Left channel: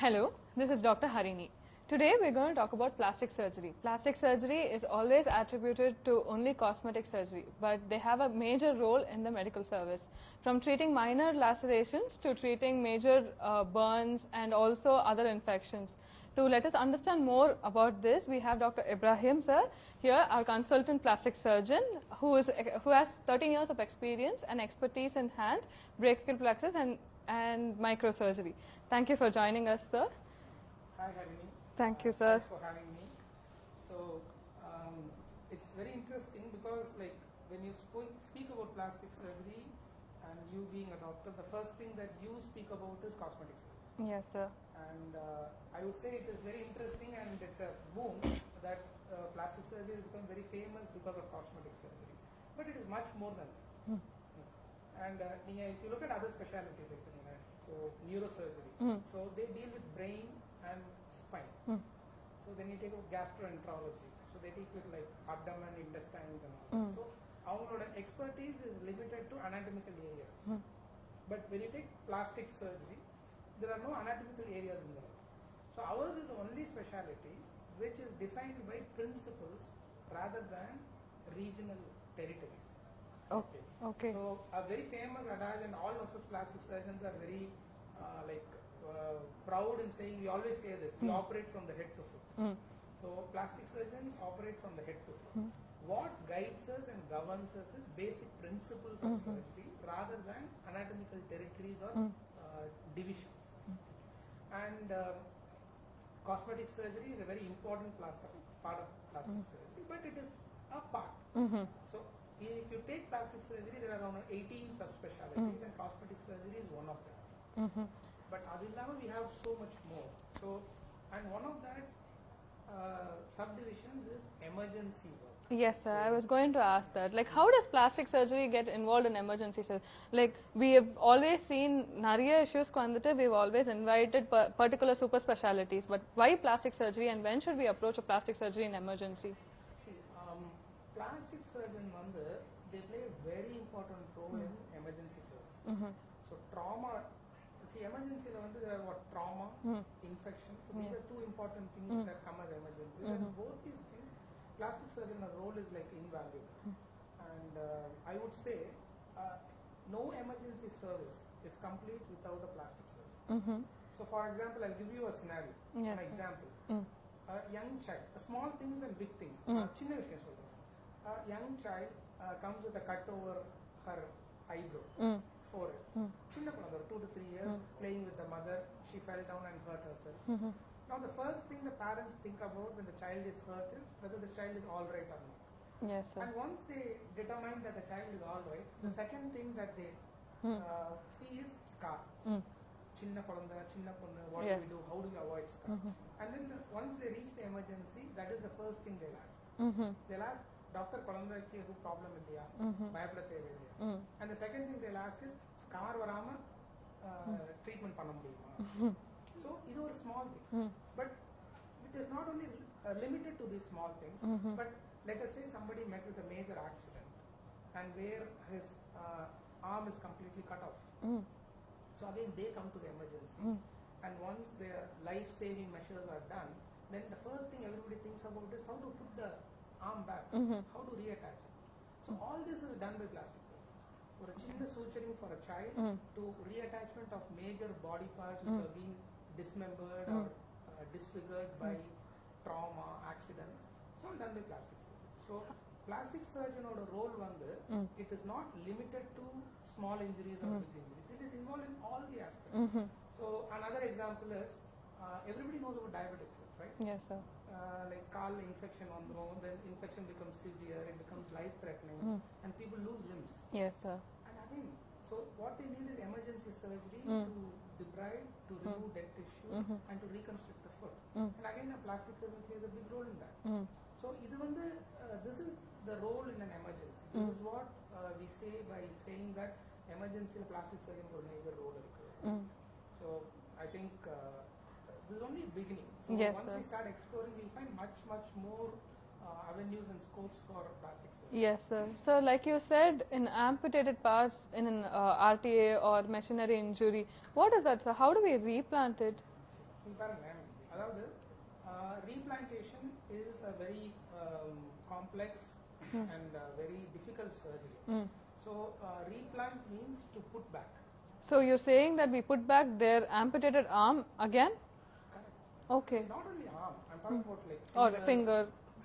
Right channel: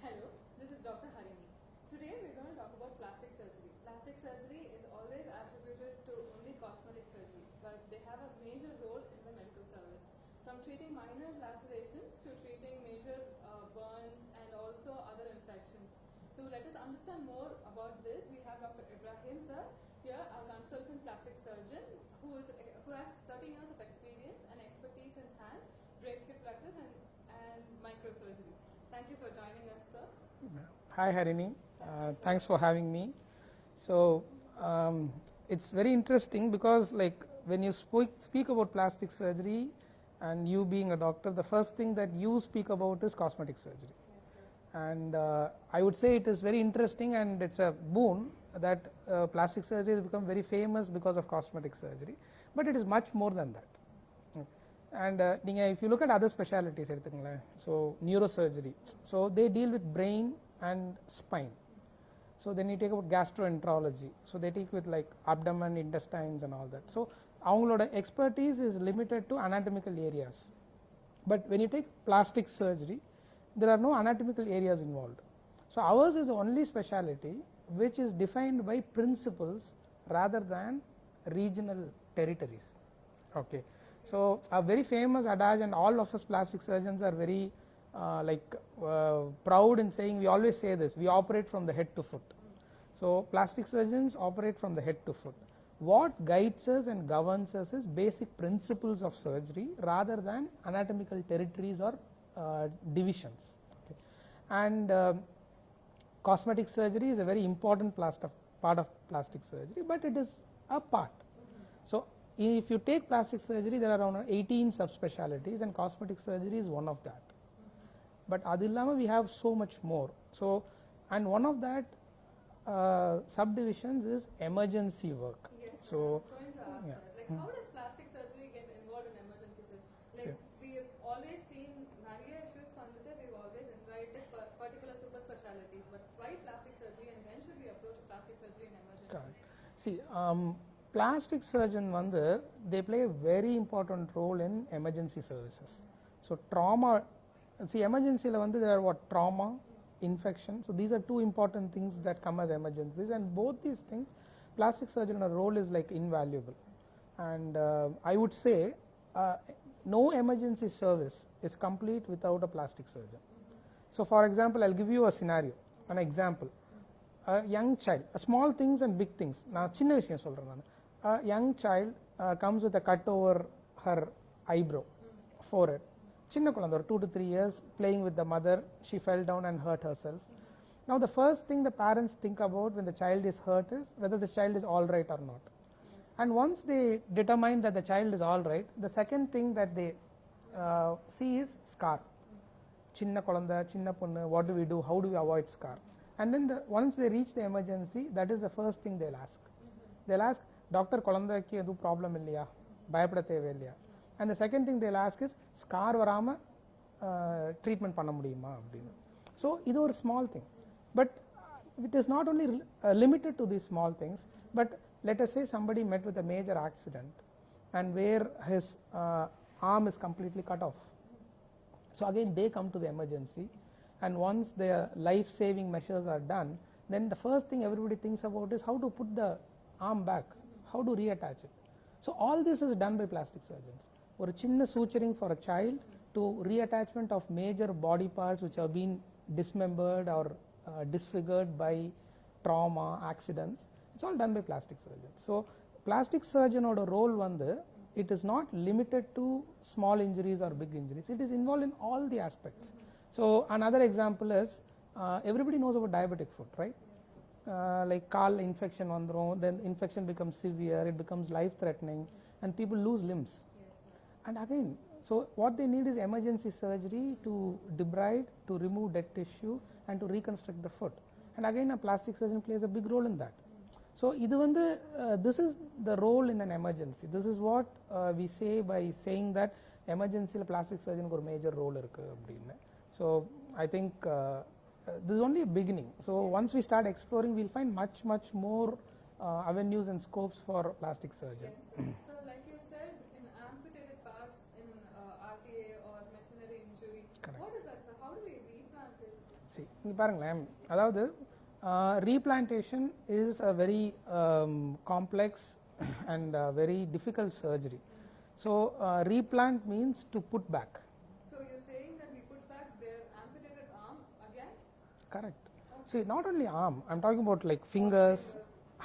Hello, this is Dr. Harini. Today we're going to talk about plastic surgery. Plastic surgery is always attributed to only cosmetic surgery, but they have a major role in the medical service. From treating minor lacerations to treating major burns and also other infections. To let us understand more about this, we have Dr. Ibrahim sir here, our consultant plastic surgeon, who has 13 years of experience and expertise in hand, brachial plexus and microsurgery. Thank you for joining us, sir. Hi Harini. Thank you, sir. Thanks for having me. So it's very interesting because when you speak about plastic surgery and you being a doctor, the first thing that you speak about is cosmetic surgery. Yes, sir. And I would say it is very interesting and it's a boon that plastic surgery has become very famous because of cosmetic surgery, but it is much more than that. And if you look at other specialties, so neurosurgery, so they deal with brain and spine. So then you take about gastroenterology, so they take with like abdomen, intestines and all that. So avangaloda expertise is limited to anatomical areas. But when you take plastic surgery, there are no anatomical areas involved. So ours is the only specialty which is defined by principles rather than regional territories. Okay. So a very famous adage, and all of us plastic surgeons are very proud in saying, we always say this, we operate from the head to foot. So plastic surgeons operate from the head to foot. What guides us and governs us is basic principles of surgery rather than anatomical territories or divisions. And cosmetic surgery is a very important part of plastic surgery, but it is a part. So if you take plastic surgery, there are around 18 subspecialties and cosmetic surgery is one of that. But adillama we have so much more. So, and one of that subdivisions is emergency work. Yes, sir. So I was going to ask that. Like, how does plastic surgery get involved in emergency surgery? Like, we have always seen nariya issues we've always invited particular super specialities. But why plastic surgery, and when should we approach a plastic surgery in emergency? See, plastic surgeon they play a very important role in emergency services. So trauma, see, emergency there are what trauma, infection. So these are two important things that come as emergencies, and both these things, plastic surgeon role is like invaluable. And I would say no emergency service is complete without a plastic surgeon. So for example, I'll give you a scenario, an example. A young child, small things and big things. A young child comes with a cut over her eyebrow, forehead. Chinna kulandha, 2 to 3 years, playing with the mother, she fell down and hurt herself. Now the first thing the parents think about when the child is hurt is whether the child is all right or not. Yes, sir. And once they determine that the child is all right, the second thing that they see is scar. Chinna kulandha, chinna ponnu, what do we do, how do we avoid scar? And then once they reach the emergency, that is the first thing they'll ask. They'll ask, Doctor, kulandhakku edu problem illaya, bayapada thevai illaya? And the second thing they'll ask is, scar varama treatment panna mudiyuma? So idu or small thing, but it is not only limited to these small things, but let us say somebody met with a major accident and where his arm is completely cut off. So again they come to the emergency, and once their life-saving measures are done, then the first thing everybody thinks about is how to put the arm back, how to reattach it. So all this is done by plastic surgeons. Or a chinna suturing for a child to reattachment of major body parts which have been dismembered or disfigured by trauma, accidents, it's all done by plastic surgeons. So plastic surgeon role it is not limited to small injuries or big injuries, it is involved in all the aspects. So another example is everybody knows about diabetic foot, right? Yes, sir. Like caul infection then infection becomes severe, it becomes life threatening, and people lose limbs. Yes, sir. And again, so what they need is emergency surgery to debride, to remove dead tissue, and to reconstruct the foot. And again, a plastic surgeon plays a big role in that. So this is the role in an emergency. This is what we say by saying that emergency plastic surgeon has a major role. So I think this is only a beginning. So yes, once sir. we start exploring, we'll find much more avenues and scopes for plastic surgery. Yes, sir. So like you said, in amputated parts in an RTA or machinery injury, Correct. what is that, sir? How do we replant it? see இங்க பாருங்களேன், அதாவது replantation is a very complex and very difficult surgery. So replant means to put back. So you're saying that we put back their amputated arm again? Correct. Okay. See, not only arm, I'm talking about like Or fingers, finger.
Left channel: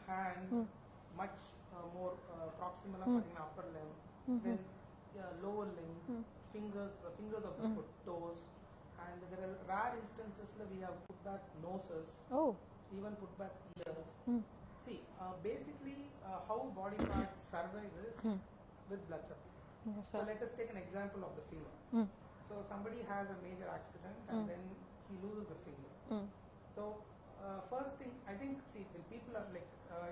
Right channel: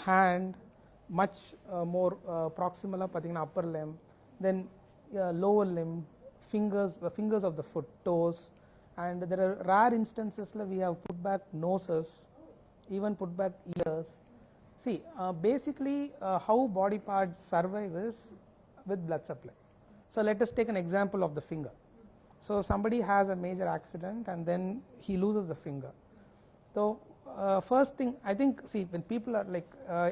hand, much more proximal pathina upper limb, then lower limb, fingers of the foot, toes, and there are rare instances like we have put back noses, Oh. even put back ears. See, basically how body parts survive is with blood supply. Yes, So let us take an example of the finger. So somebody has a major accident and then he loses the finger. So first thing, I think, see, when people are like,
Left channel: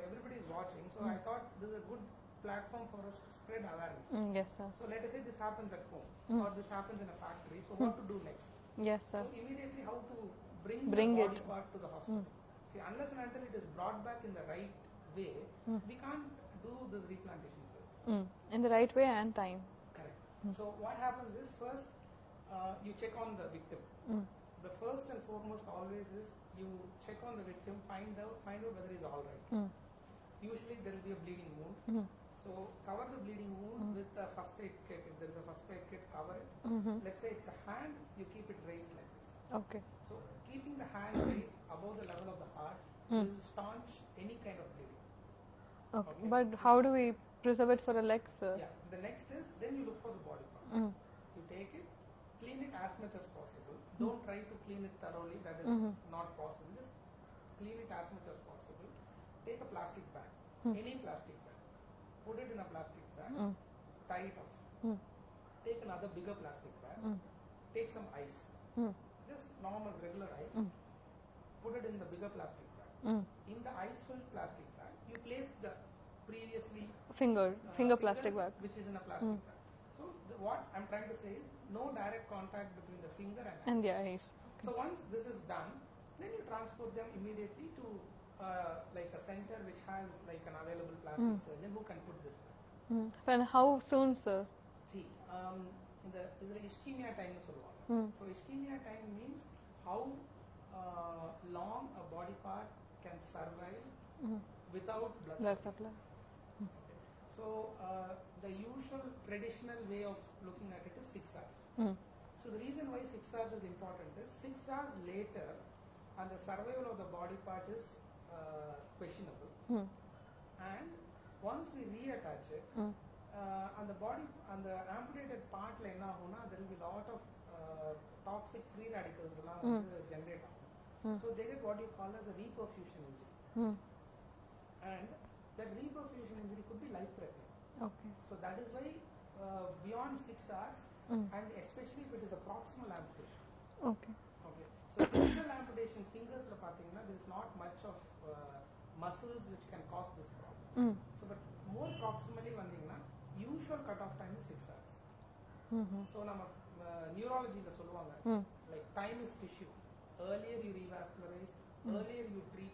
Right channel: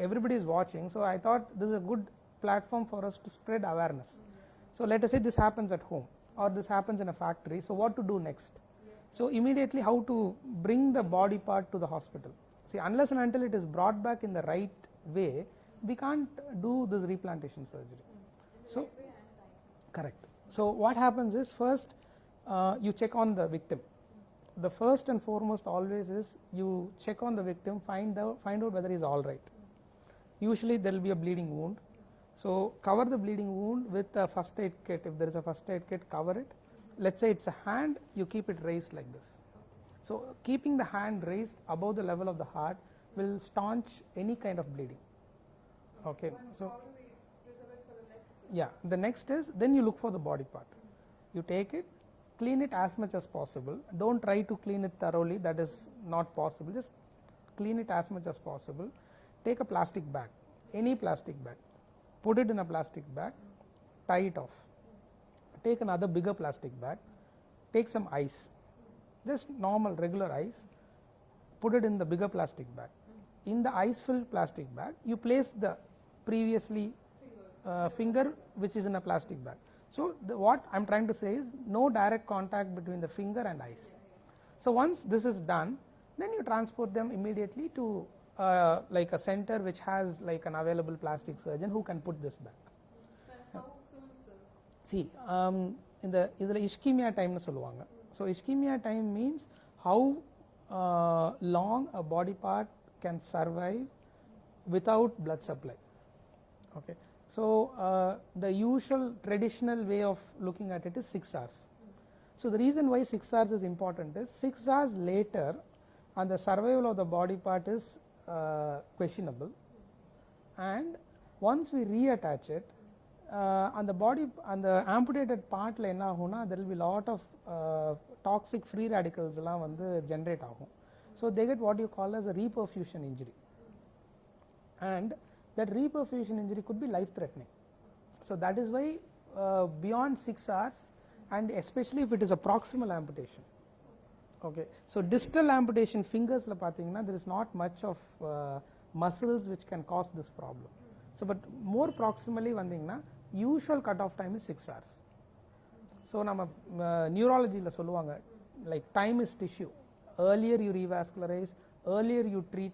everybody is watching, so I thought this is a good platform for us to spread awareness. Yes, sir. So let us say this happens at home or this happens in a factory. So what to do next? Yes, sir. So immediately how to bring the Bring body it. part to the hospital. See, unless and until it is brought back in the right way, we can't do this replantation surgery. In the right way and time. Correct. So what happens is first you check on the victim. The first and foremost always is you check on the victim, find out whether he's all right. Usually there will be a bleeding wound. So cover the bleeding wound with a first aid kit. If there is a first aid kit, cover it. Let's say it's a hand, you keep it raised like this. Okay. So keeping the hand raised above the level of the heart will staunch any kind of bleeding. Okay, But so- how do we preserve it for a leg, sir? Yeah, the next is then you look for the body part. You take it, clean it as much as possible. Don't try to clean it thoroughly, that is not possible. Just clean it as much as possible. Take a plastic bag, any plastic bag, put it in a plastic bag, tie it off. Take another bigger plastic bag, take some ice, just normal regular ice, put it in the bigger plastic bag. In the ice filled plastic bag, you place the previously Finger finger plastic bag. which is in a plastic bag. So what I'm trying to say is no direct contact between the finger and ice. And the eyes. So once this is done, then you transport them immediately to like a center which has like an available plastic surgeon who can put this back. And how soon, sir? See, in the ischemia time nu solluvaanga. So ischemia time means how long a body part can survive without blood supply. Okay. So the usual traditional way of looking at it is 6 hours. So the reason why 6 hours is important is 6 hours later and the survival of the body part is questionable. And once we reattach it, on the body, on the amputated part la enna aguna, there will be lot of toxic free radicals la vandu generate agum. So they get what you call as a reperfusion injury. And that reperfusion injury could be life threatening. Okay. So that is why beyond 6 hours and especially if it is a proximal amputation. Okay. Okay. So distal amputation fingers la pathina there is not much of muscles which can cause this problem. So but more proximally vandingna usual cut off time is 6 hours. So nama neurology la solluvaanga like time is tissue. Earlier you revascularize, earlier you treat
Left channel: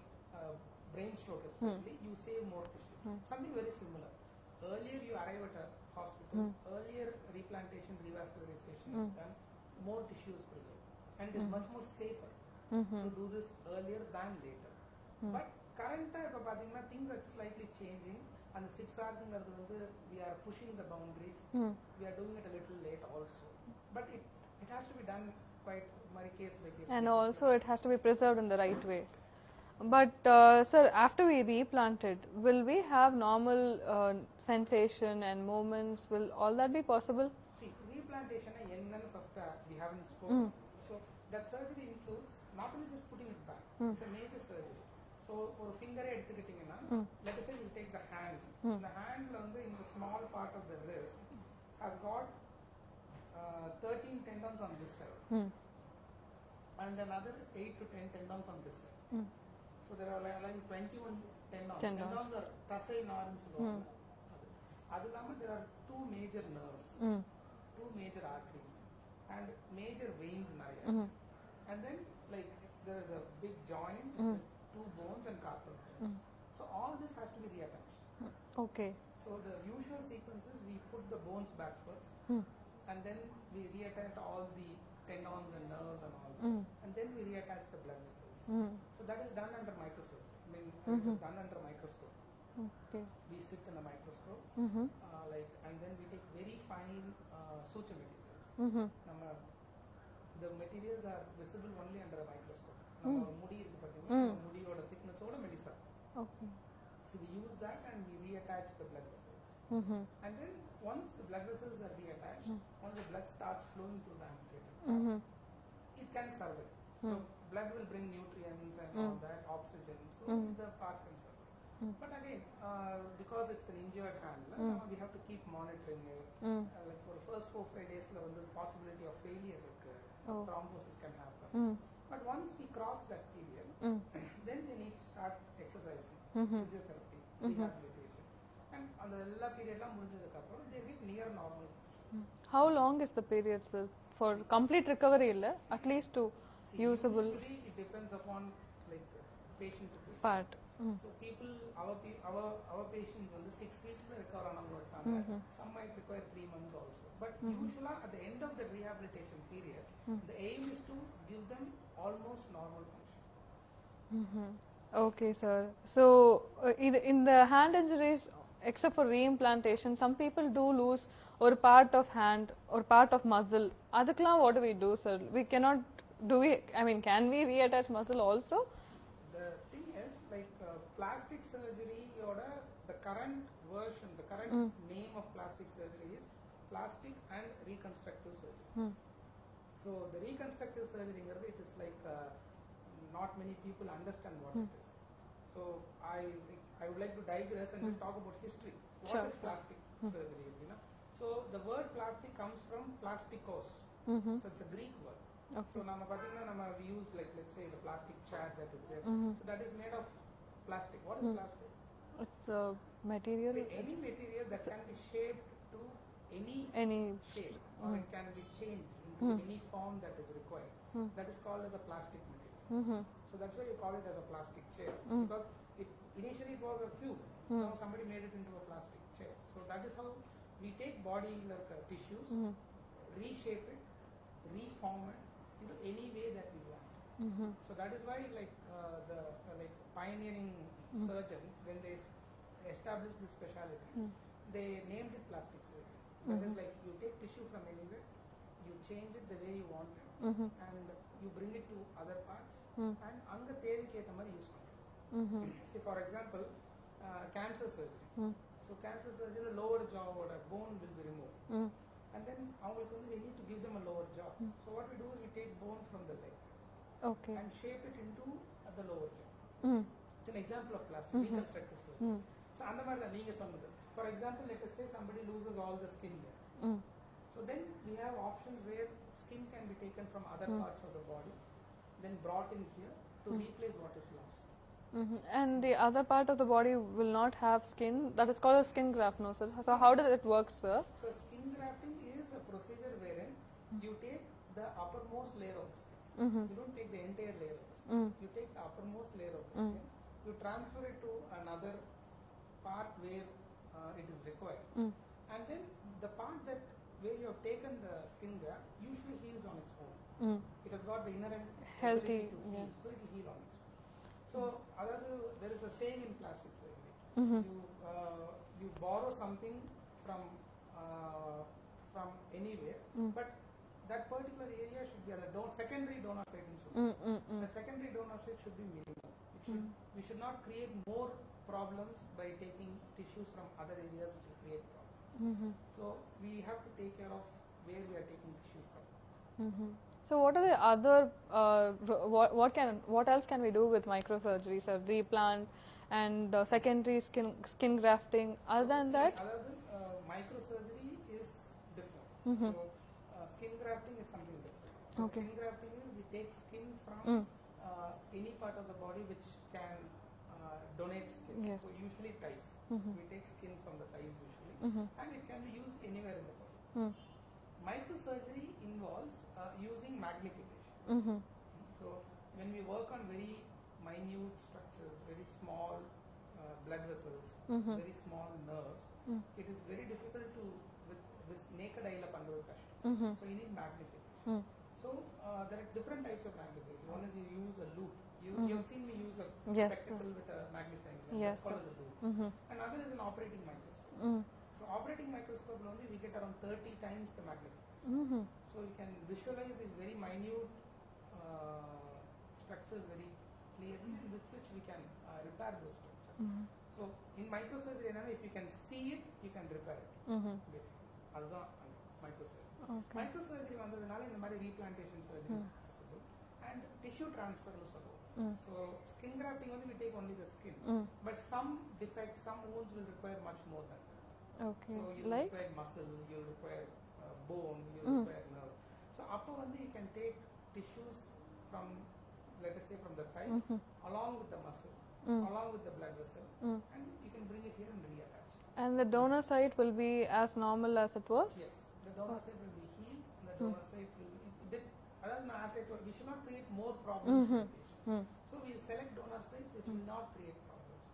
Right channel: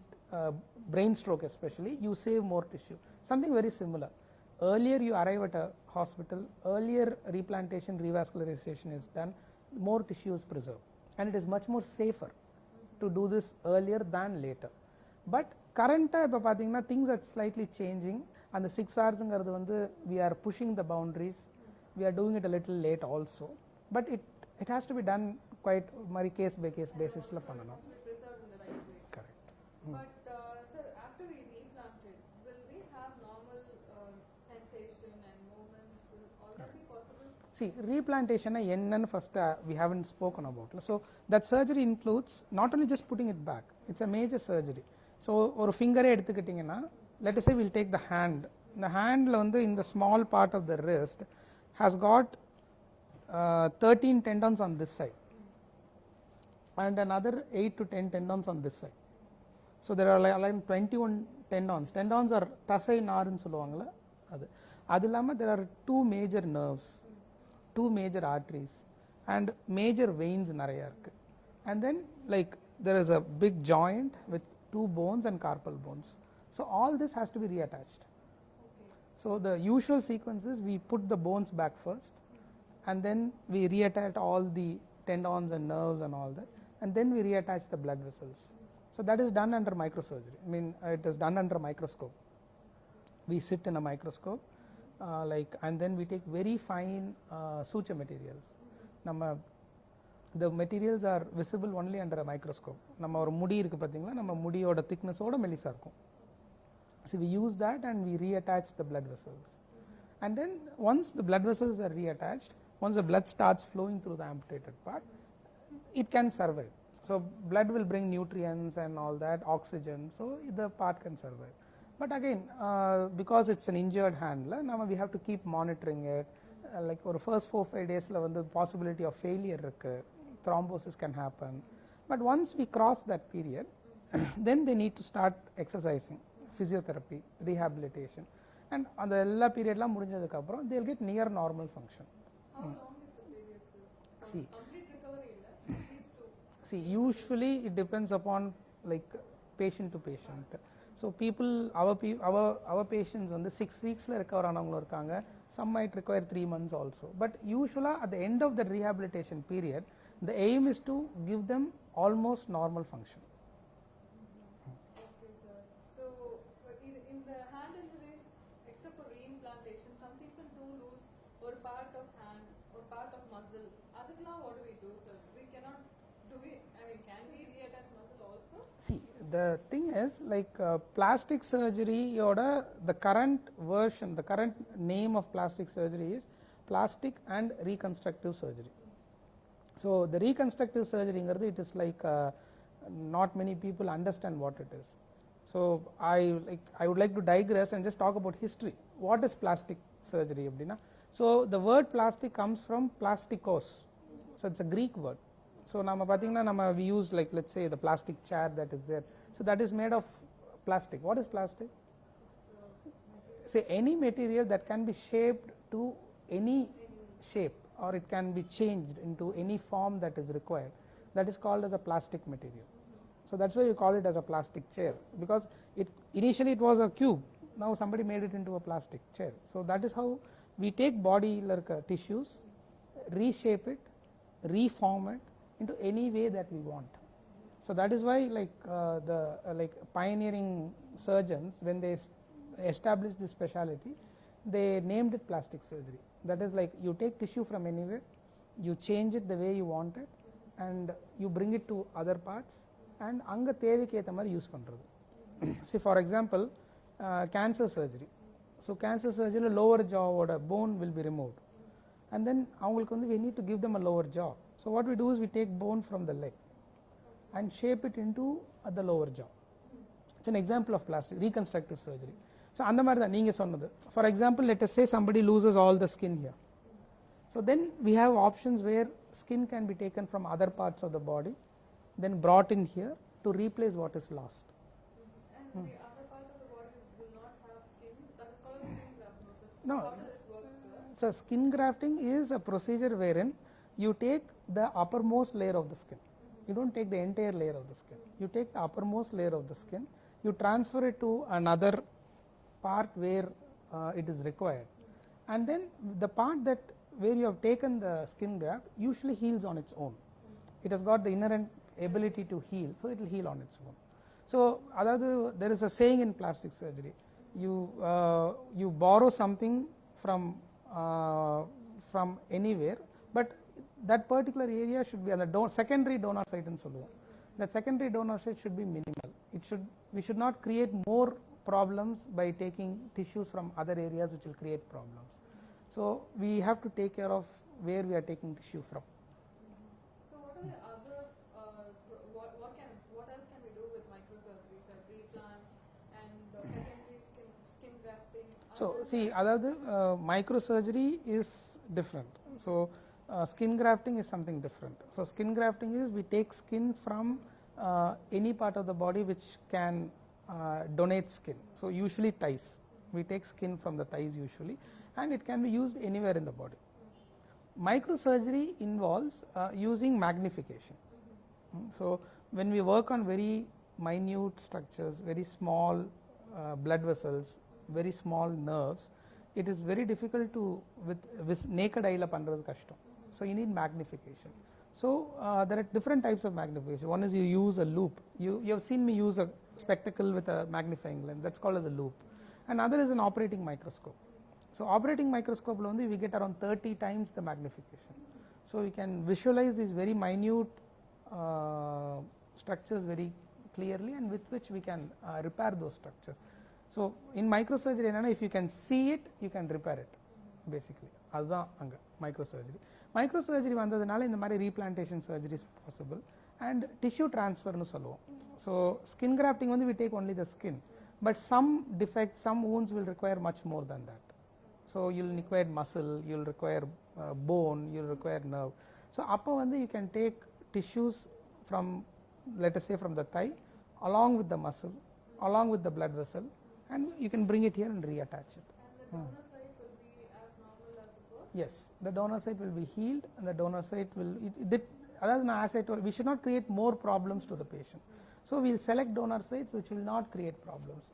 brain stroke especially, you save more tissue. Something very similar. Earlier you arrive at a hospital, earlier replantation, revascularization is done, more tissue is preserved. And it is much more safer to do this earlier than later. But current இப்போ பார்த்தீங்கன்னா things are slightly changing. And the 6 hours வந்து we are pushing the boundaries. We are doing it a little late also. But it has to be done quite case by case And basis. also it has to be preserved in the right way. Correct. But sir, after we replant it, will we have normal sensation and movements? Will all that be possible? See, replantation என்னன்னு first we haven't spoken about. So that surgery includes not only just putting it back, it's a major surgery. So ஒரு ஃபிங்கரே எடுத்துக்கிட்டிங்கன்னா let us say we'll take the hand. The handல வந்து in the small part of the wrist has got 13 tendons on this side and another 8 to 10 tendons on this side. So there are like 21 tendons. Tendons are தசை நார்னு சொல்லுவாங்கல்ல அது. அது இல்லாம there are 2 major nerves, 2 major arteries and major veins நிறைய இருக்கு. And then like there is a big joint with 2 bones and carpal bones. So all this has to be reattached. Okay. So the usual sequence is we put the bones back first and then we reattach all the tendons and nerves and all that, and then we reattach the blood vessels. So that is done under microsurgery. I mean, it is done under microscope. Okay. We sit in a microscope, and then we take very fine suture materials. The materials are visible only under a microscope. நம்ம ஒரு முடி இருக்கு பாத்தீங்களா, நம்ம முடியோட thickness ஓட மெலிசா இருக்கும். Okay. So we use that and we reattach the blood vessels. And then once the blood vessels are reattached, once the blood starts flowing through the amputated part, it can survive. So blood will bring nutrients and all that, oxygen, so the part can survive. But again, because it's an injured hand, now we have to keep monitoring it. Like for the first 4-5 days, the possibility of failure, thrombosis can happen. But once we cross that period, then they need to start exercising, physiotherapy, rehabilitation. And on the ella period la mudinjadukku appuram they'll get near normal function. How long is the period, sir, for complete recovery illa, at least to usually it depends upon like patient to patient part. So people our patients on the 6 weeks la recover aanavanga irukanga, some might require 3 months also, but usually at the end of the rehabilitation period the aim is to give them almost normal function. Okay, sir. So in the hand injuries, except for reimplantation, some people do lose or part of hand or part of muscle. Adukla what do we do, sir? We cannot do we, I mean, can we reattach muscle also? See, the thing is like plastic surgery yoda the current version, the current name of plastic surgery is plastic and reconstructive surgery. So the reconstructive surgery ingaradu, it is like not many people understand what it is. So I would like to digress and just talk about history. What is plastic surgery abdina? So the word plastic comes from plastikos. So it's a Greek word. So nama pathina we use like, let's say, the plastic chair that is there. So that is made of plastic. What is plastic? It's a material. Say any material that can be shaped to any shape, or it can be changed into any form that is required. That is called as a plastic material. So that's why you call it as a plastic chair, because initially it was a cube. Now somebody made it into a plastic chair. So that is how we take body like tissues, reshape it, reform it into any way that we want. So that is why the pioneering surgeons, when they established this specialty, they named it plastic surgery. That is like you take tissue from anywhere, you change it the way you want it, and you bring it to other parts, and anga thevukku etha mari use pandrathu. Say for example, cancer surgery. So cancer surgery lower jaw oda bone will be removed, and then avangalukku vandu we need to give them a lower jaw. So what we do is we take bone from the leg and shape it into the lower jaw. It's an example of plastic reconstructive surgery. So அந்த மாதிரி தான் நீங்க சொன்னது. For example, let us say somebody loses all the skin here. So then we have options where skin can be taken from other parts of the body, then brought in here to replace what is lost. And the other part of the body will not have skin. That is called a skin graft, no, sir? So how does it work, sir? So skin grafting is a procedure wherein you take the uppermost layer of the skin. You don't take the entire layer of the skin. You take the uppermost layer of the skin, you transfer it to another part where it is required, and then the part that where you have taken the skin graft usually heals on its own. It has got the inherent ability to heal, so it will heal on its own. So there is a saying in plastic surgery, you borrow something from anywhere, but that particular area should be on the secondary donor site and so on. That secondary donor site should be minimal. We should not create more problems by taking tissues from other areas which will create problems. So we have to take care of where we are taking tissue from. So what are the other what else can we do with microsurgery, sir? Replant and secondary skin grafting. Other than that, microsurgery is different. So skin grafting is something different. So skin grafting is we take skin from any part of the body which can donate skin. So usually thighs. We take skin from the thighs usually, and it can be used anywhere in the body. Microsurgery involves using magnification. So when we work on very minute structures, very small blood vessels, very small nerves, it is very difficult to with naked eye la pandrathu kashtam. So you need magnification. So there are different types of magnification. One is you use a loop. You have seen me use a Yes, spectacle with a magnifying lens. That's Yes, called as a loop. Another is an operating microscope. So operating microscope lo we get around 30 times the magnification. So we can visualize these very minute structures very clearly, and with which we can repair those structures. So in microsurgery enna, if you can see it, you can repair it. Basically அதுதான் அங்க microsurgery. Microsurgery வந்ததுனால இந்த மாதிரி replantation surgery is possible, and tissue transfer னு சொல்லுவோம். So skin grafting வந்து we take only the skin, but some defects, some wounds will require much more than that. Okay. So you'll require muscle, you'll require bone, you'll require nerve. So அப்போ வந்து you can take tissues from, let us say, from the thigh along with the muscle, along with the blood vessel, and you can bring it here and reattach it. And the donor site will be as normal as it was? Yes, the donor site will be healed, and the donor site will as I told, we should not create more problems to the patient. So we'll select donor sites which will not create problems.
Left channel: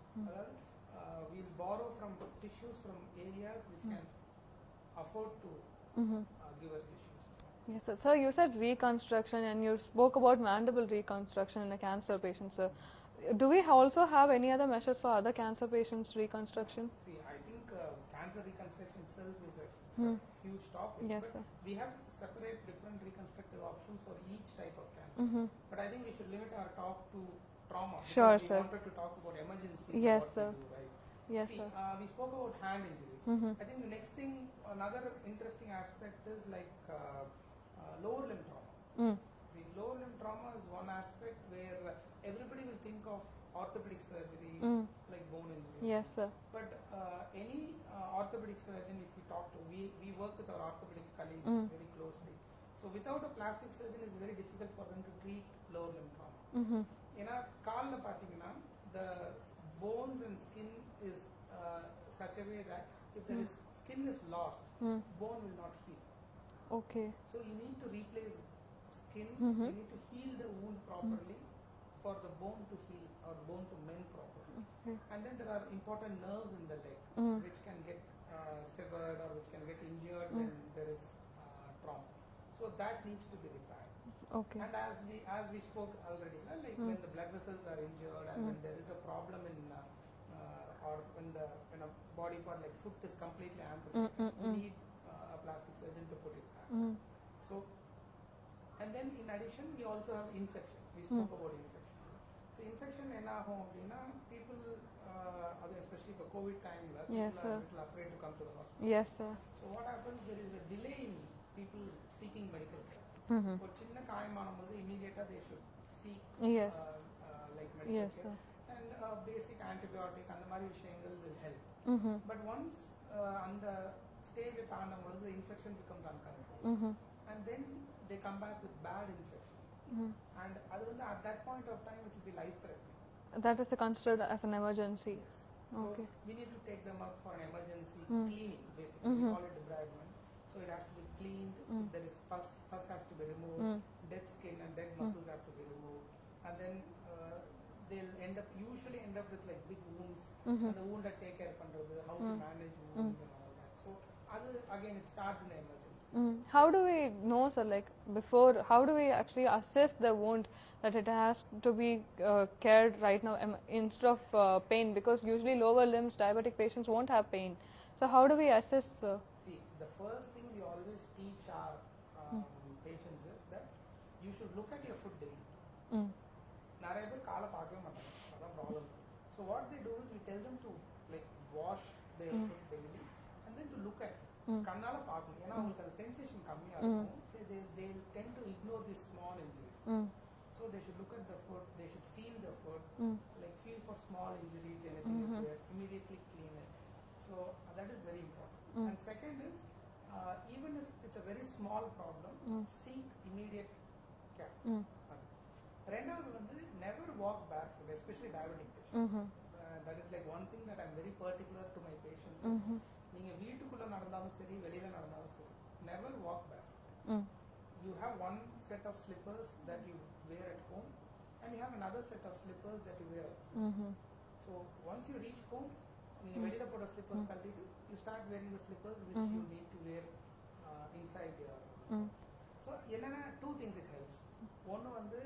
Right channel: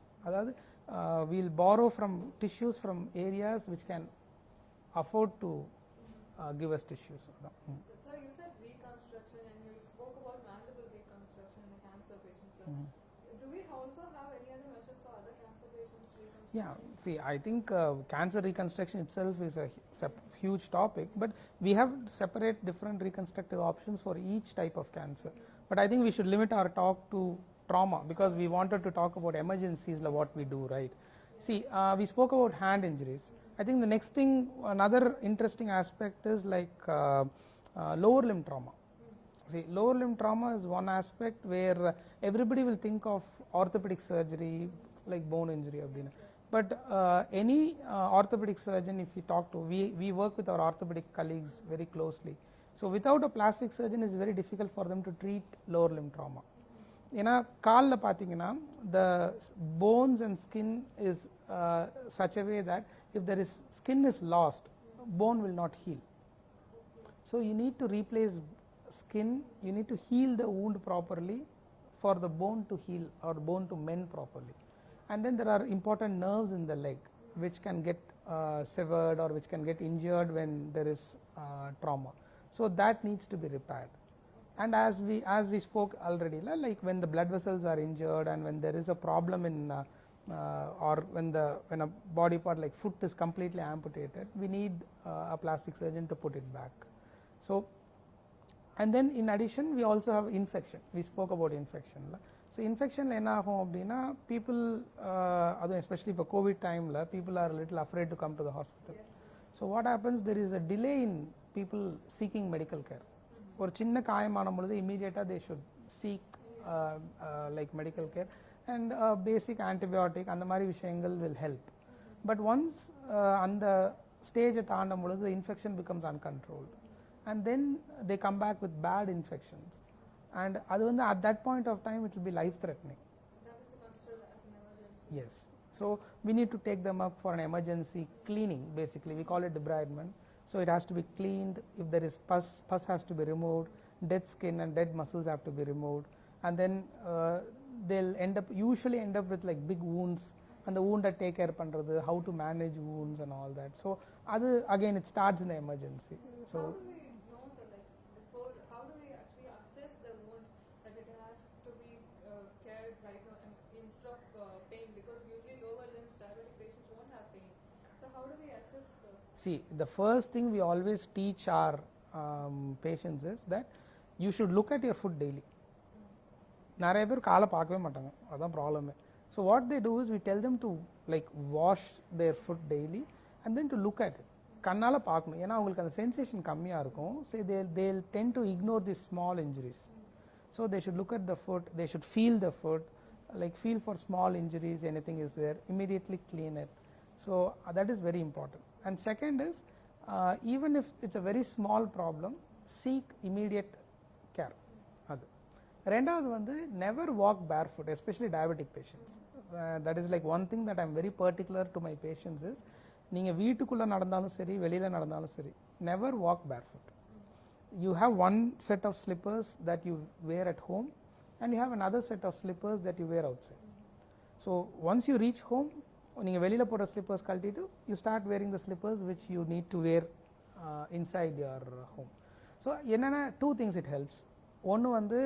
We'll borrow from tissues from areas which can afford to give us tissues. Yes, sir. Sir, you said reconstruction, and you spoke about mandible reconstruction in a cancer patient, sir. Do we also have any other measures for other cancer patients' reconstruction? Yeah. See, I think cancer reconstruction itself is a huge topic, Yes, but sir. we have separate different reconstructive options for each type of cancer. But I think we should limit our talk to trauma, because Sure, we sir. wanted to talk about emergencies and Yes, what we sir. do, right? Yes, See, sir. we spoke about hand injuries. I think the next thing, another interesting aspect is like lower limb trauma. See, lower limb trauma is one aspect where everybody will think of orthopedic surgery, like bone injury. Yes, sir. But any orthopedic surgeon, if you talk to, we work with our orthopedic colleagues very closely. So without a plastic surgeon, it's very difficult for them to treat lower limb trauma. ஏன்னா காலில் பார்த்தீங்கன்னா the bones and skin is such a way that if there is skin is lost, bone will not heal. Okay. So you need to replace skin, you need to heal the wound properly for the bone to heal or bone to mend properly. And then there are important nerves in the leg which can get severed or which can get injured when there is trauma. So that needs to be repaired. Okay. And as we spoke already, like when the blood vessels are injured and when there is a problem in or when a body part like foot is completely amputated, we need a plastic surgeon to put it back. So, and then in addition, we also have infection. We spoke about infection. So infection என்ன ஆகும் அப்படின்னா people especially for COVID time people are a little afraid to come to the hospital. Yes, sir. So what happens, there is a delay in people seeking medical care. ஒரு சின்ன காயமான பொழுது immediately they should seek Yes. like medical Yes, care, sir. and basic antibiotic அந்த மாதிரி விஷயங்கள் will help. But once அந்த stage தாண்டும் பொழுது the infection becomes uncontrolled, and then they come back with bad infections, and அது வந்து at that point of time it will be life threatening. That is considered as an emergency. Yes. So we need to take them up for an emergency cleaning, basically. We call it debridement. So it has to be cleaned. If there is pus has to be removed, dead skin and dead muscles have to be removed, and then they'll usually end up with like big wounds, and the wound take care பண்றது, how to manage wounds and all that. So again it starts in the emergency. So How do we know, sir, like before, how do we actually assess the wound that it has to be cared right now instead of pain? Because usually lower limbs diabetic patients won't have pain. So how do we assess? See, the first thing we always teach our patients is that you should look at your foot daily. நிறைய பேர் காலை பார்க்கவே மாட்டாங்க, அதான் problem. So what they do is we tell them to like wash their foot daily and then to look at it. கண்ணால் பார்க்கணும், ஏன்னா அவங்களுக்கு அந்த சென்சேஷன் கம்மியாக இருக்கும். So they'll tend to ignore these small injuries. So they should look at the foot, they should feel the foot, like feel for small injuries, anything is there, immediately clean it. So that is very important. And second is, even if it's a very small problem, seek immediate care. அது ரெண்டாவது வந்து never walk barefoot, especially diabetic patients. That is like one thing that I'm very particular to my patients is, நீங்க வீட்டுக்குள்ள நடந்தாலும் சரி வெளியில நடந்தாலும் சரி, never walk barefoot. You have one set of slippers that you wear at home, and you have another set of slippers that you wear outside. So once you reach home, நீங்க வெளியில போற slippers கழட்டிட்டு you start wearing the slippers which you need to wear inside your home. So என்னென்ன 2 things it helps. ஒன்று வந்து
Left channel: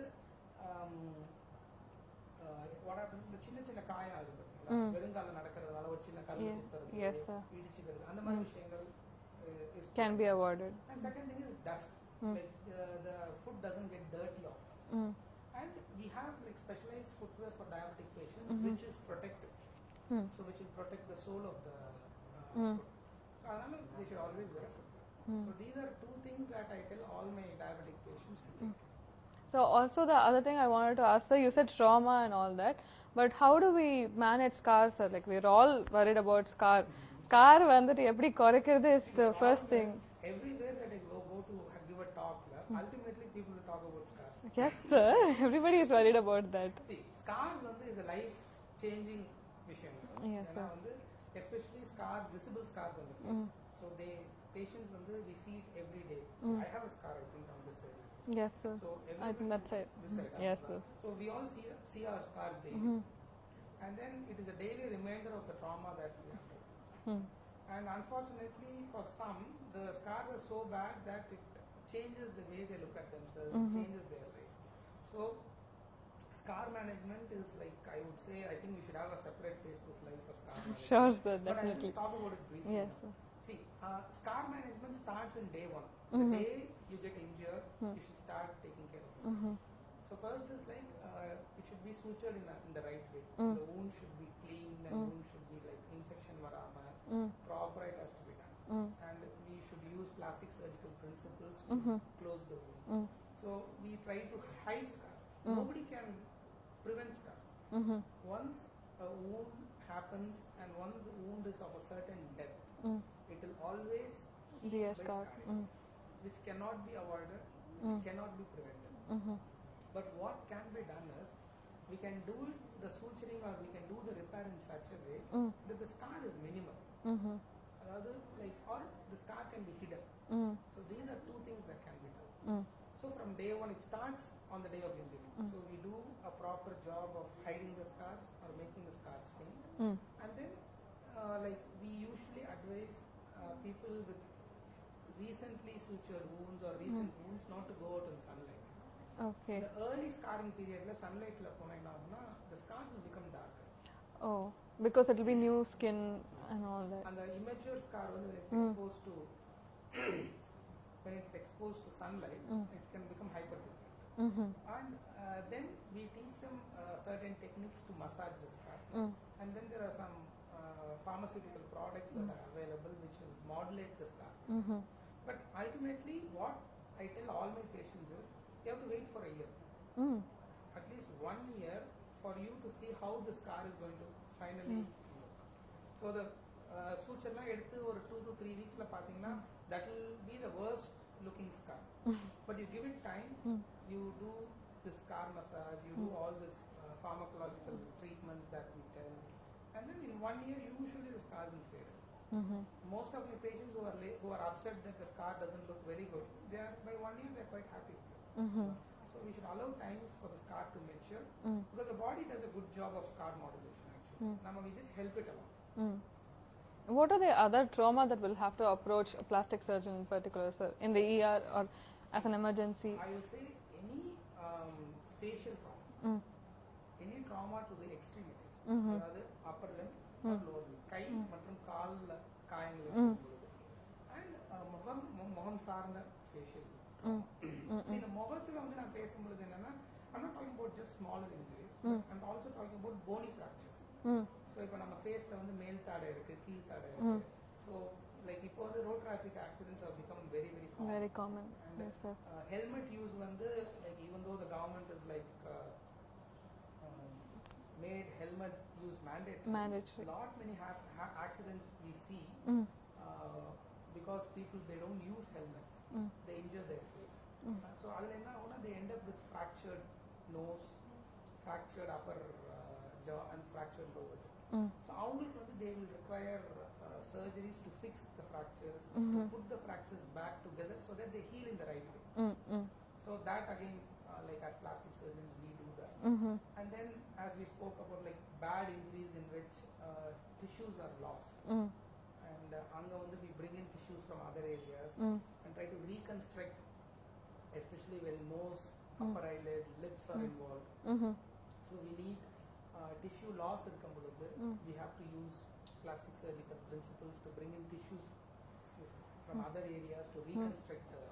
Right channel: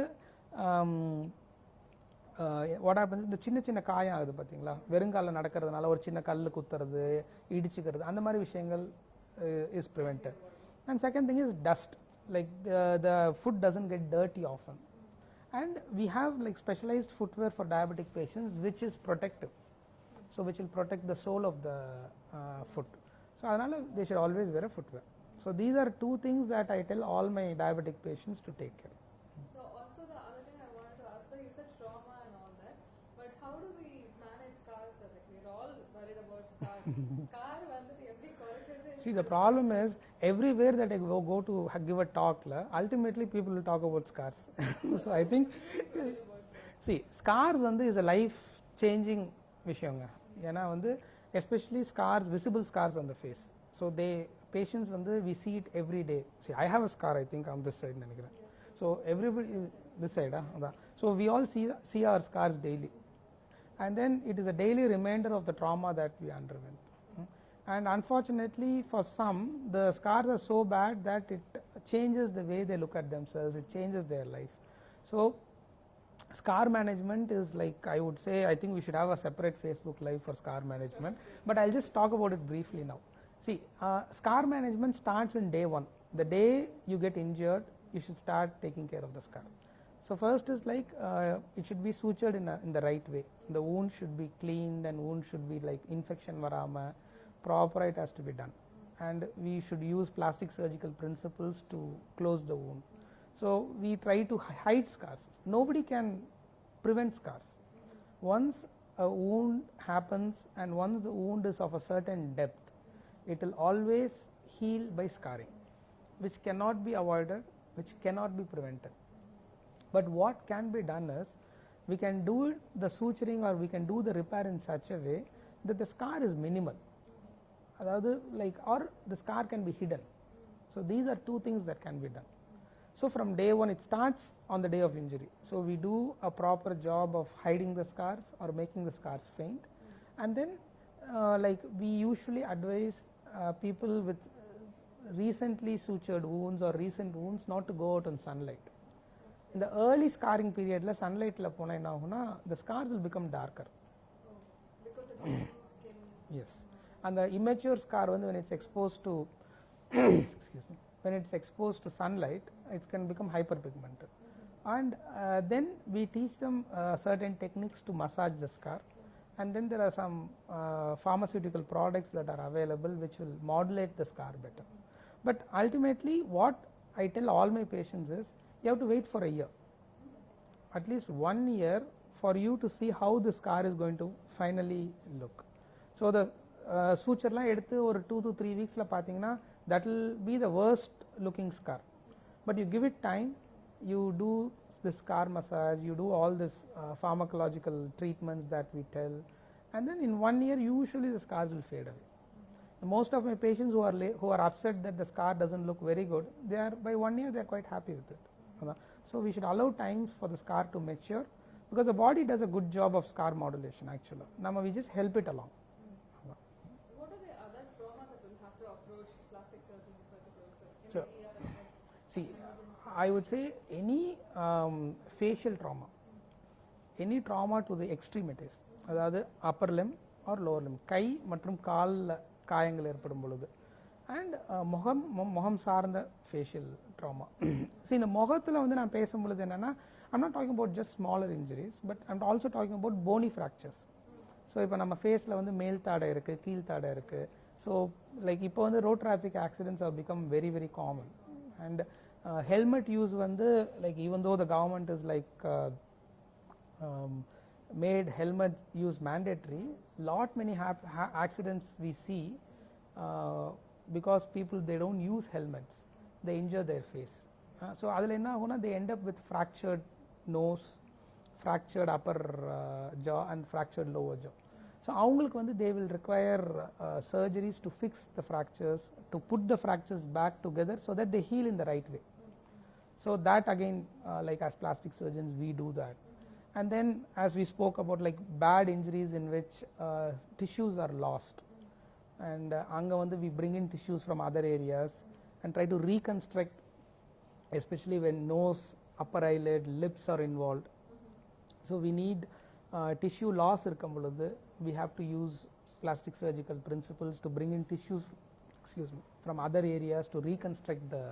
what happens, இந்த சின்ன சின்ன காயம் ஆகுது பார்த்தீங்களா, வெறுங்கால நடக்கிறதுனால ஒரு சின்ன கல் குத்துறது, இடிச்சுக்கிறது, அந்த மாதிரி விஷயங்கள் is can be avoided. And second thing is dust. Like the foot doesn't get dirty often. And we have like specialized footwear for diabetic patients which is protective. So which will protect the sole of the foot. So adanaala they should always wear a footwear. So these are 2 things that I tell all my diabetic patients to take care. So also the other thing I wanted to ask, sir, you said trauma and all that, but how do we manage scars, sir? Like we're all worried about scar. Scar vandittu eppadi koraikkiradhu is the problem first is thing. everywhere that I go to give a talk la, ultimately people will talk about scars. Yes, sir. Everybody is worried about that. See, scars vandu is a life changing vishayanga. Ena vandu especially scars, visible scars on the face. So they patients vandu we see it every day. See, I have a scar, I think, on this side nenikiren. Yes, sir. So everybody that side. This side, Yes, sir. so we all see our scars daily. And then it is a daily reminder of the trauma that we underwent. And unfortunately for some, the scars are so bad that it changes the way they look at themselves. It changes their life. So scar management is like, I would say, I think we should have a separate Facebook live for scar management. Sure, sir, but I'll just talk about it briefly Yes, now. sir. See, scar management starts in day 1. The day you get injured, you should start taking care of the scar. So first is like it should be sutured in the right way. The wound should be cleaned and wound should be like infection varama, proper it has to be done. And we should use plastic surgical principles to close the wound. So we try to hide scars. Nobody can prevent scars. Once a wound happens and once the wound is of a certain depth, it will always heal by scarring, which cannot be avoided, which cannot be prevented. But what can be done is, we can do the suturing or we can do the repair in such a way that the scar is minimal. Adhaadu like, or the scar can be hidden. So these are 2 things that can be done. So from day 1 it starts on the day of injury. So we do a proper job of hiding the scars or making the scars faint. And then like we usually advise people with recently sutured wounds or recent wounds not to go out in sunlight. Okay. The early scarring period la sunlight la pona enna aguna, the scars will become darker. Oh, because it will be new skin and all that. And the immature scar when it's exposed to excuse me, when it's exposed to sunlight, it can become hyperpigmented. And then we teach them certain techniques to massage the scar. And then there are some pharmaceutical products that are available which will modulate the scar better. But ultimately what I tell all my patients is, you have to wait for a year, at least 1 year, for you to see how the scar is going to finally look. So the suture la eduthu or 2 to 3 weeks la pathina, that will be the worst looking scar. But you give it time, you do the scar massage, you do all this pharmacological treatments that we tell, and then in 1 year usually the scars will fade away. Most of my patients who are upset that the scar doesn't look very good, they are by 1 year they are quite happy with it. So we should allow time for the scar to mature, because the body does a good job of scar modulation actually. Now we just help it along. What are the other trauma that will have to approach a plastic surgeon in particular, sir, in the ER or as an emergency? I would say any facial trauma, any trauma to the extremities, அதாவது upper limb or lower limb, கை மற்றும் கால்ல காயங்கள் ஏற்படும் பொழுது, and முகம் சார்ந்த facial trauma. See, இந்த முகத்துல வந்து நான் பேசும்பொழுது என்னன்னா, I'm not talking about just smaller injuries, but I'm also talking about bony fractures. So இப்போ நம்ம ஃபேஸ்ல வந்து மேல் தாடை இருக்கு, கீழ் தாடை இருக்கு. So like இப்போ வந்து road traffic accidents have become very common. Very common. And helmet use வந்து like, even though the government is like made helmet use mandatory. Lot many accidents we see because people, they don't use helmets, they injure their face. So adula enna aguna, they end up with fractured nose, fractured upper jaw and fractured lower jaw. So avungalukku vandu they will require surgeries to fix the fractures, to put the fractures back together so that they heal in the right way. So that again, like as plastic surgeons we do that. And then as we spoke about like bad injuries in which tissues are lost, and anga vandu we bring in tissues from other areas and try to reconstruct especially when nose, upper eyelid, lips are involved. So we need tissue loss இருக்கும் பொழுது we have to use plastic surgical principles to bring in tissues, excuse me, from other areas to reconstruct the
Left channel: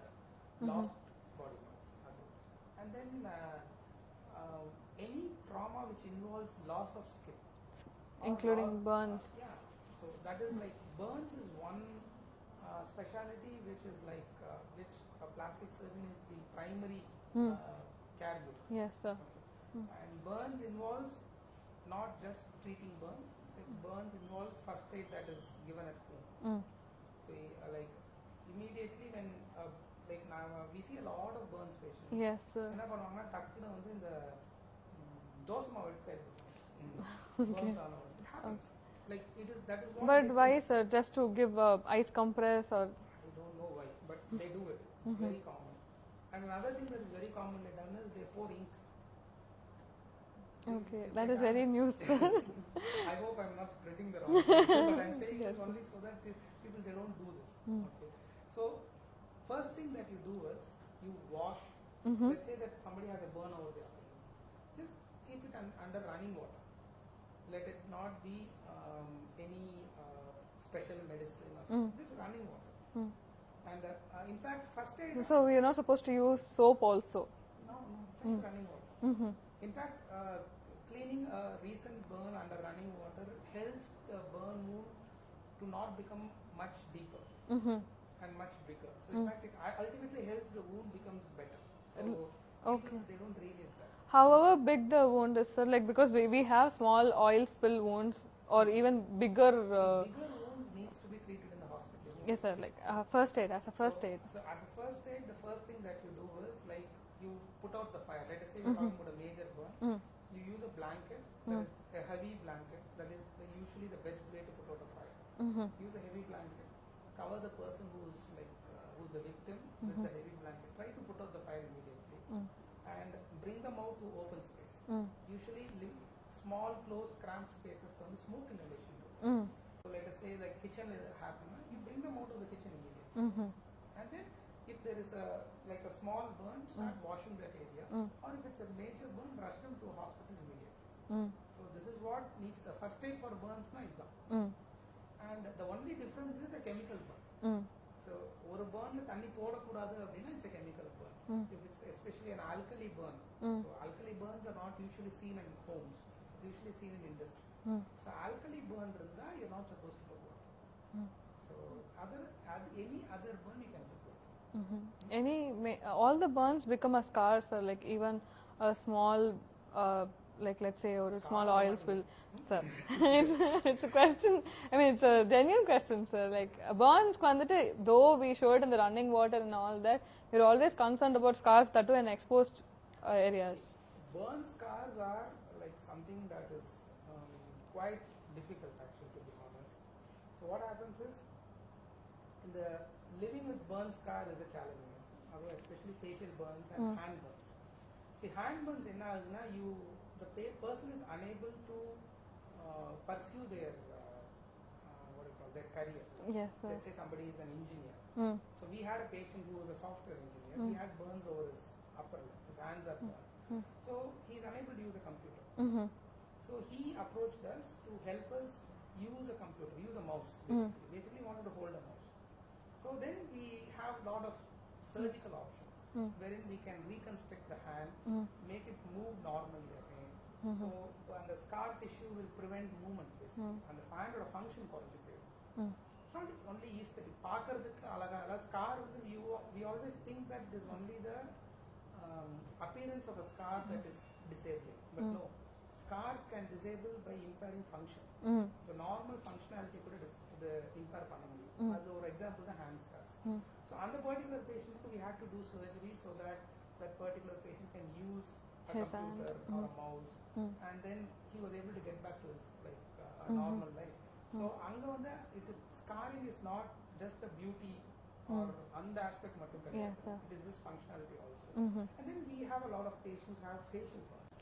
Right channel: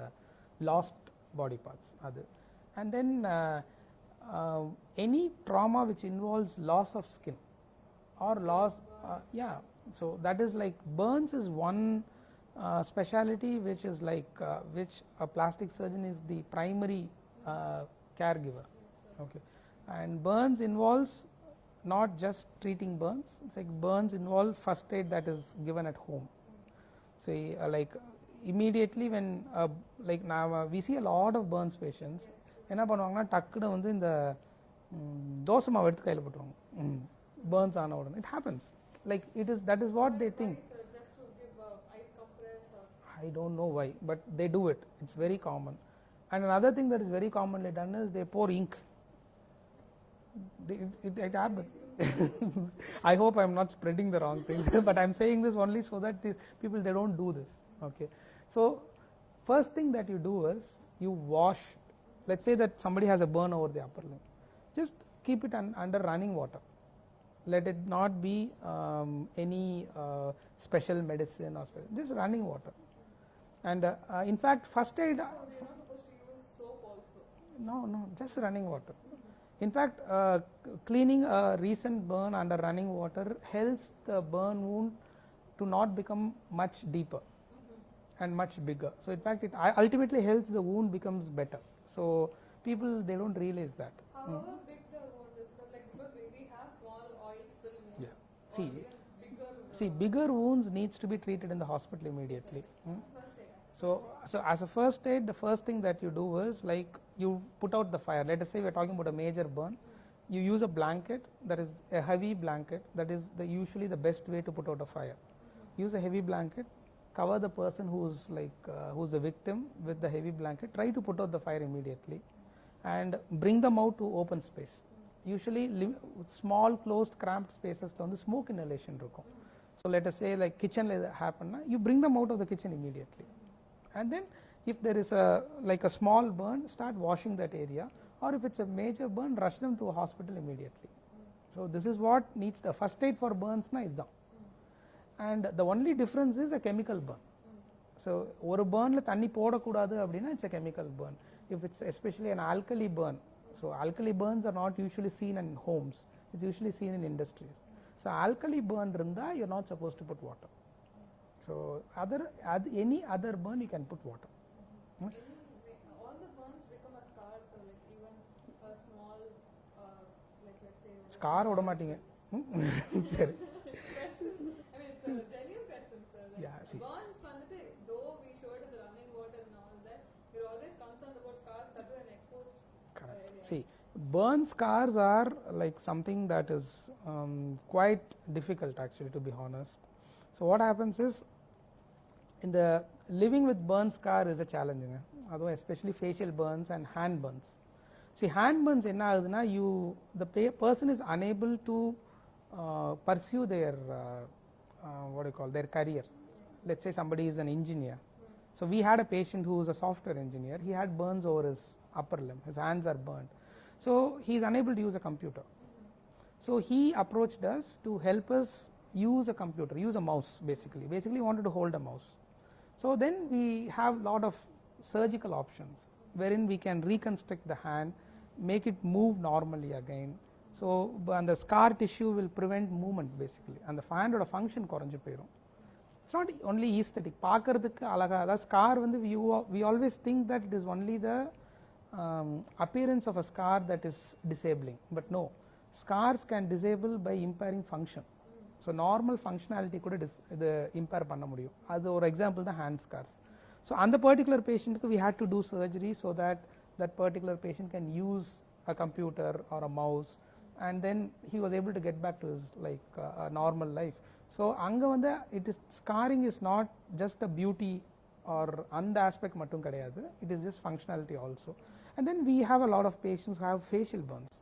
lost body parts. And then any trauma which involves loss of skin or Including loss burns. yeah, so that is like burns is one speciality which is like which a plastic surgeon is the primary caregiver. Yes, sir. Okay. And burns involves not just treating burns, it's like burns involve first aid that is given at home. So like immediately when like now we see a lot of burns patients. Yes, sir. என்ன பண்ணுவாங்கன்னா டக்குன்னு வந்து இந்த தோசை மாவு எடுத்து கையில் போட்டுருவாங்க burns ஆன உடனே. It happens, like it is, that is what But they why, think. sir? Just to give ice compress or? I don't know why, but they do it. It's very common. And another thing that is very commonly done is they pour ink. Okay, that like is very happens. new, sir. I hope I'm not spreading the wrong things, but I'm saying this only so that the people, they don't do this. Okay, so first thing that you do is you wash. Let's say that somebody has a burn over the upper limb, just keep it under running water. Let it not be any special medicine or something, just running water. And in fact, first aid. So we are not supposed to use soap also. No, just running water. In fact, cleaning a recent burn under running water helps the burn wound to not become much deeper and much bigger. So in fact, it ultimately helps the wound becomes better. So people, they don't realize that. However big the wound is, sir, like because we have small oil spill wounds or even bigger. See, bigger wounds needs to be treated in the hospital immediately. Yes, sir. Like first aid, as a first aid. So as a first aid, the first thing that you do is like you put out the fire. Let us say we're talking about a major burn. You use a blanket, that is a heavy blanket, that is usually the best way to put out a fire. Use a heavy blanket, cover the person who's like who's the victim with the heavy blanket, try to put out the fire immediately and bring them out to open space. Usually small closed cramped spaces on the smoke inhalation. So let us say like kitchen happen, you bring them out of the kitchen immediately. And then if there is a like a small burn, start washing that area, or if it's a major burn, rush them to a hospital immediately. So this is what needs the first aid for burns na idhan. And the only difference is a chemical burn. So ஒரு burnல தண்ணி போடக்கூடாது அப்படின்னா it's a chemical burn. If it's especially an alkali burn, so alkali burns are not usually seen in homes, it's usually seen in industries. So alkali burn இருந்தா you're not supposed to put water. So any other burn you can put water. All the burns become a scar, sir, like even a small like let's say or a small oil spill. Sir, it's a question. I mean, it's a genuine question, sir. Like burns, though we show it in the running water and all that, we're always concerned about scars that too in exposed areas. See, burn scars are like something that is quite difficult actually, to be honest. So what happens is, in the living with burn scar is a challenge, although especially facial burns and hand burns. See, hand burns enna aguduna, the person is unable to pursue their what do you call, their career. Yes, let's say somebody is an engineer. So we had a patient who is a software engineer. He had burns over his upper limb, his hands are burned. So he is unable to use a computer. So he approached us to help us use a computer, use a mouse basically wanted to hold a mouse. So then we have lot of surgical options wherein we can reconstruct the hand, make it move normally again. So and the scar tissue will prevent movement basically, and the hand oda function koranju poidum. It's not only aesthetic, paakradhukku alaga, the scar vandu we always think that it is only the appearance of a scar that is disabling, but no, scars can disable by impairing function. So normal functionality kuda impair panna mudiyum. Adu or example the hand scars. So on the particular patient we had to do surgery so that that particular patient can use a computer or a mouse, and then he was able to get back to his like normal life. So anga vanda it is, scarring is not just a beauty or and aspect mattum kadiyadu, it is just functionality also. And then we have a lot of patients who have facial burns,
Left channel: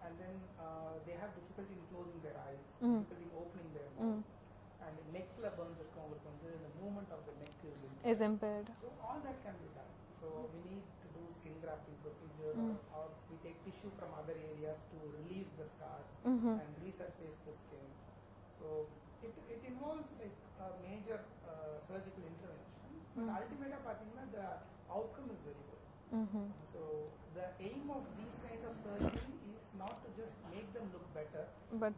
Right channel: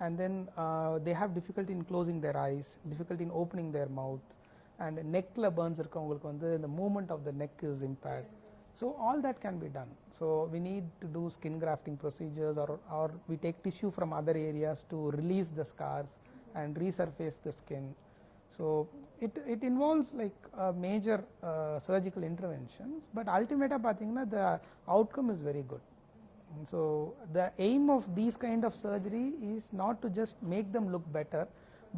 and then they have difficulty in closing their eyes, difficulty in opening their mouth, and neckla burns irukavungalukku vandu the movement of the neck is impaired. So all that can be done. So we need to do skin grafting procedures, or we take tissue from other areas to release the scars and resurface the skin. So it involves like major surgical interventions, but ultimately pathina the outcome is very good. So the aim of these kind of surgery is not to just make them look better,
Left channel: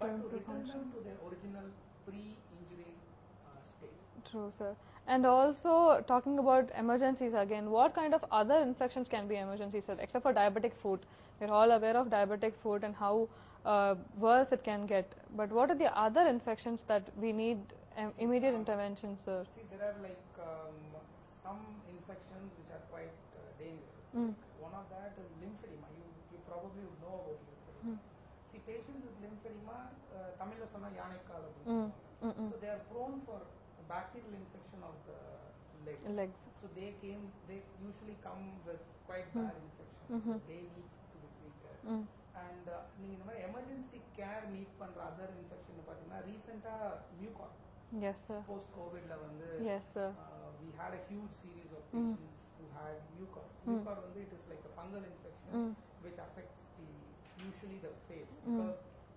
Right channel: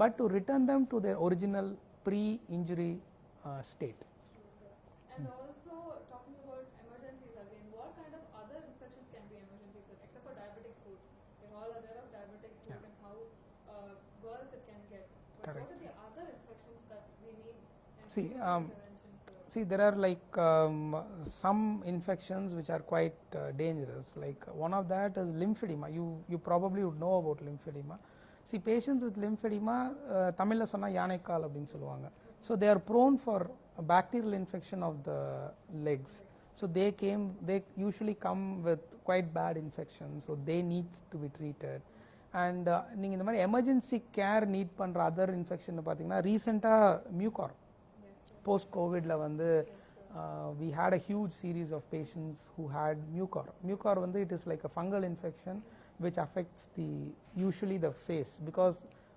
but to return them to their original pre-injury state. True, sir. And also talking about emergencies again, what kind of other infections can be emergencies, sir, except for diabetic foot? We're all aware of diabetic foot and how worse it can get. But what are the other infections that we need immediate intervention, sir? See, there are like some infections which are quite dangerous. Like one of that is lymphedema. You probably would know about lymphedema. See, patients with lymphedema, Tamil la sonna yanekkal appdinu solluvaanga. So they are prone for bacterial infection of the legs. So they usually come with quite bad infections. So they need to be treated. And நீங்க இந்த மாதிரி emergency care NEET பண்ற other infection பாத்தீங்கன்னா ரீசெண்டா mucor. Yes, sir. Post COVID la vandu yes, sir. We had a huge series of patients who had mucor. Mucor vandu it is like a fungal infection which affects usually the face, because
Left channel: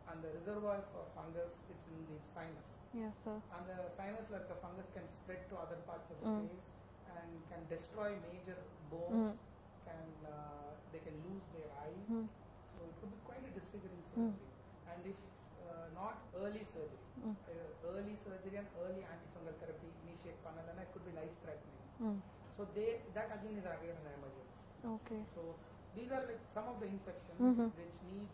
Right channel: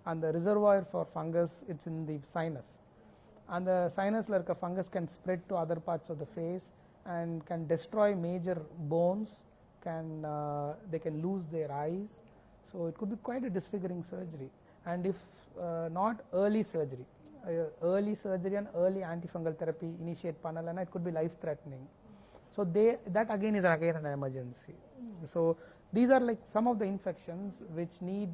and the reservoir for fungus it's in the sinus. Yes, sir. And the sinus la irukka fungus can spread to other parts of the face and can destroy major bones, they can lose their eyes. So it could be quite a disfiguring surgery. And if not early surgery, early surgery and early antifungal therapy initiate panalana, it could be life threatening. So that again is again an emergency. So these are like some of the infections which need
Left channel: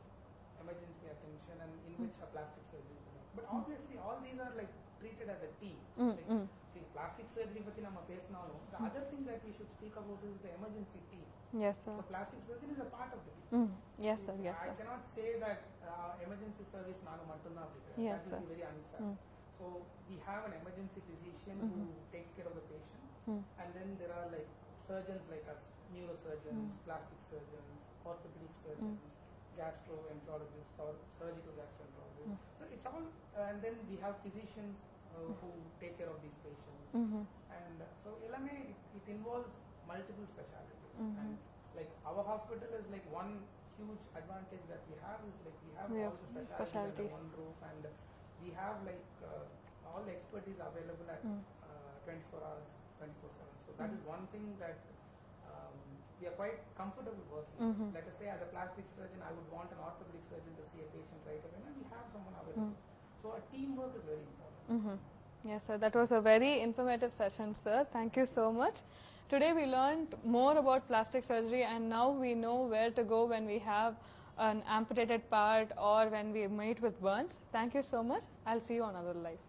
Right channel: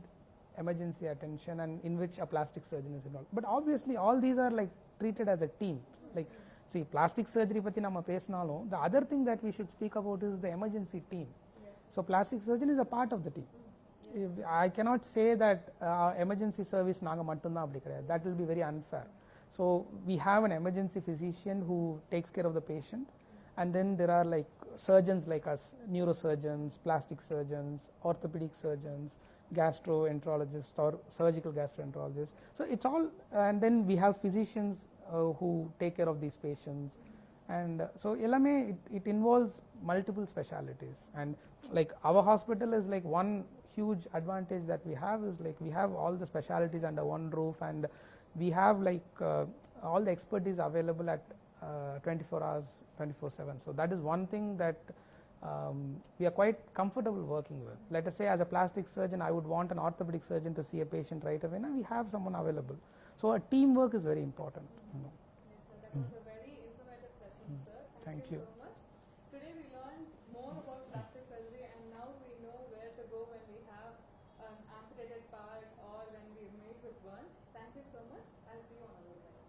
emergency attention and in which a plastic surgeon is involved. But obviously all these are like treated as a team. Like see, plastic surgery patti nama pesnalum, the other thing that we should speak about is the emergency team. Yes, sir. So plastic surgeon is a part of the team. Yes, sir. Yes, I cannot say that emergency service naanga mattum appdi kediyadhu. That will be very unfair. So we have an emergency physician who takes care of the patient, and then there are like surgeons like us, neurosurgeons, plastic surgeons, orthopedic surgeons, gastroenterologists or surgical gastroenterologists. So it's all, and then we have physicians who take care of these patients. And so ellame it involves multiple specialties. And like our hospital is like one huge advantage that we have is like we have all the specialties under one roof, and we have like all the expertise available at 24 hours 24/7. So that is one thing that we are quite comfortable working with. Let us say as a plastic surgeon I would want an orthopedic surgeon to see a patient right away. Now we have someone available. So a teamwork is very important. Yes, sir. That was a very informative session, sir. Thank you so much. Today we learned more about plastic surgery, and now we know where to go when we have an amputated part or when we meet with burns. Thank you so much. I'll see you on Other Life.